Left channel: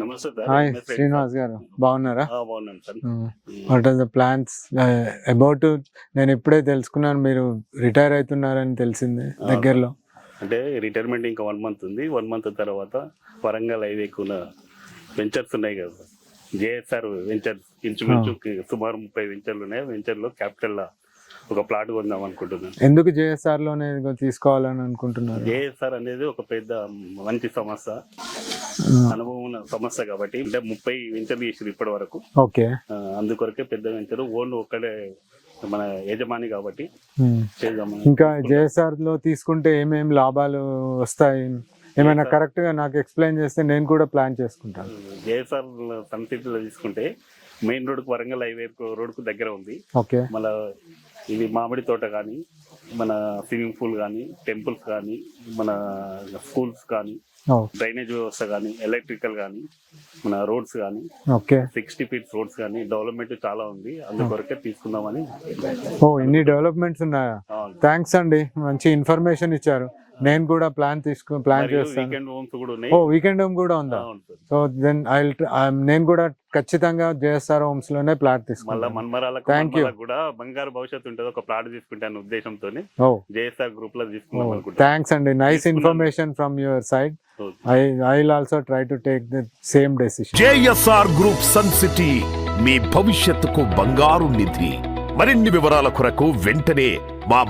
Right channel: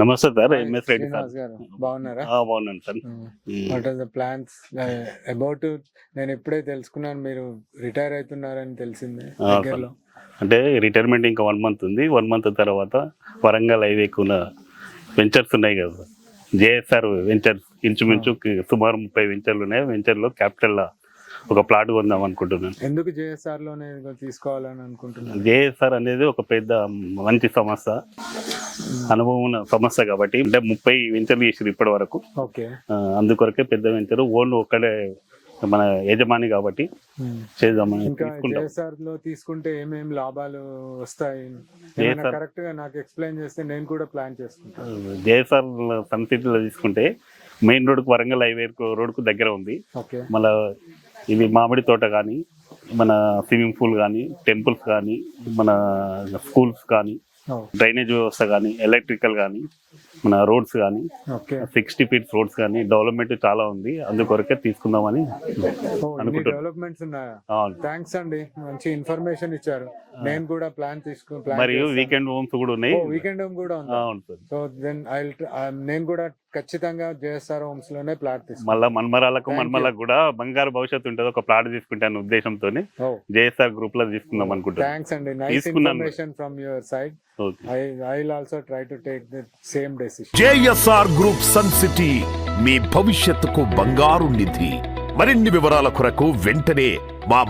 నమస్తే sir. Hi MS Reddy sir. Srinivas గారు, బాగున్నారా? బాగున్నాను sir. What are the plans about? నేను ఇప్పుడే తెలుసుకున్నాను మీరు రిటైర్ అవుతున్నారని తెలిసింది దగ్గరలో. అంటే రిటైర్మెంట్ ఇంకా 1 మంత్ ఉంది. 1 మంత్ తర్వాత వరంగల్ హైవేకున్న వెంచర్స్ ఉన్నాయి కదా సార్, జేఎస్ఆర్ వెంచర్స్, ఇంచుమించు సుమారు 30 వెంచర్లు ఉన్నాయి. వెంచర్లో క్యాపిటల్ ఒక ప్లాట్ కొందాం అనుకుంటున్నాను. ఎందుకు జేఎస్ఆర్ లోనే తీసుకోవాలని అనుకుంటున్నాను? జేఎస్ఆర్ అనేది ఒక పెద్ద మంచి సంస్థ, అనుభవం ఉన్న సంస్థ కాబట్టి. అంటే 30 వెంచర్లు చేసారు ఇప్పటి వరకు. ఓకే, అందుకొరకే పెద్ద వెంచర్, ఓన్ ఒక్కడే మన యజమాని కాబట్టి చేద్దామని. ఇంకా జేఎస్ఆర్ లో తీసుకుంటే ఏమేమి లాభాలు వస్తాయి, ఏమైనా కరెక్ట్ గా నాకు ఎక్స్ప్లెయిన్ చేస్తే నేను కూడా ప్లాన్ చేసుకుంటాను. జేఎస్ఆర్ సన్ సిటీలో తీసుకుంటే మెయిన్ రోడ్కు, వరంగల్ హైవే రోడ్కు దగ్గర ఉంది. ఓకే, మళ్ళా ఇవి మామిడి తోట కానీ, మన స్విమ్మింగ్ పూల్ కానీ, టెంపుల్స్ కానీ, మన స్కూల్స్ కానీ, డ్రైనేజ్ వ్యవస్థ కానీ, ఎలక్ట్రికల్ కానీ, మన రోడ్స్ కానీ, 60 ఫీట్ రోడ్స్ కానీ, డెవలప్మెంట్ చాలా ఉంది. అందుకొరకే తీసుకుందామని. ఇన్ని డెవలప్మెంట్స్ ఉన్నాయా? థ్యాంక్స్ అండి, మంచి ఇన్ఫర్మేషన్ ఇచ్చారు. నేను కూడా ప్లాన్ వీకెండ్ హోమ్స్ కూడా ఉన్నాయి. వీకెండ్ హోమ్ కూడా ఉందా? సో దెన్ నేను కూడా ఖచ్చితంగా జేఎస్ఆర్ హోమ్స్ లోనే ప్లాట్ తీసుకుంటాను. మళ్ళీ మన్మరాలకు కూడా బంగారు భవిష్యత్తు ఉంటుంది. ఒక ప్లాట్ తీసుకుంటాను ఉద్దేశంతోనే జేఎస్ఆర్ గ్రూప్ లో తీసుకుందాం అనుకుంటాను. థ్యాంక్స్ అండి, nice information from your side. I will also try to take the same decision. JSR Group Sun City మీ భవిష్యత్తుకు బంగారు నిధి. మరిన్ని వివరాల కొరకు వెంటనే మా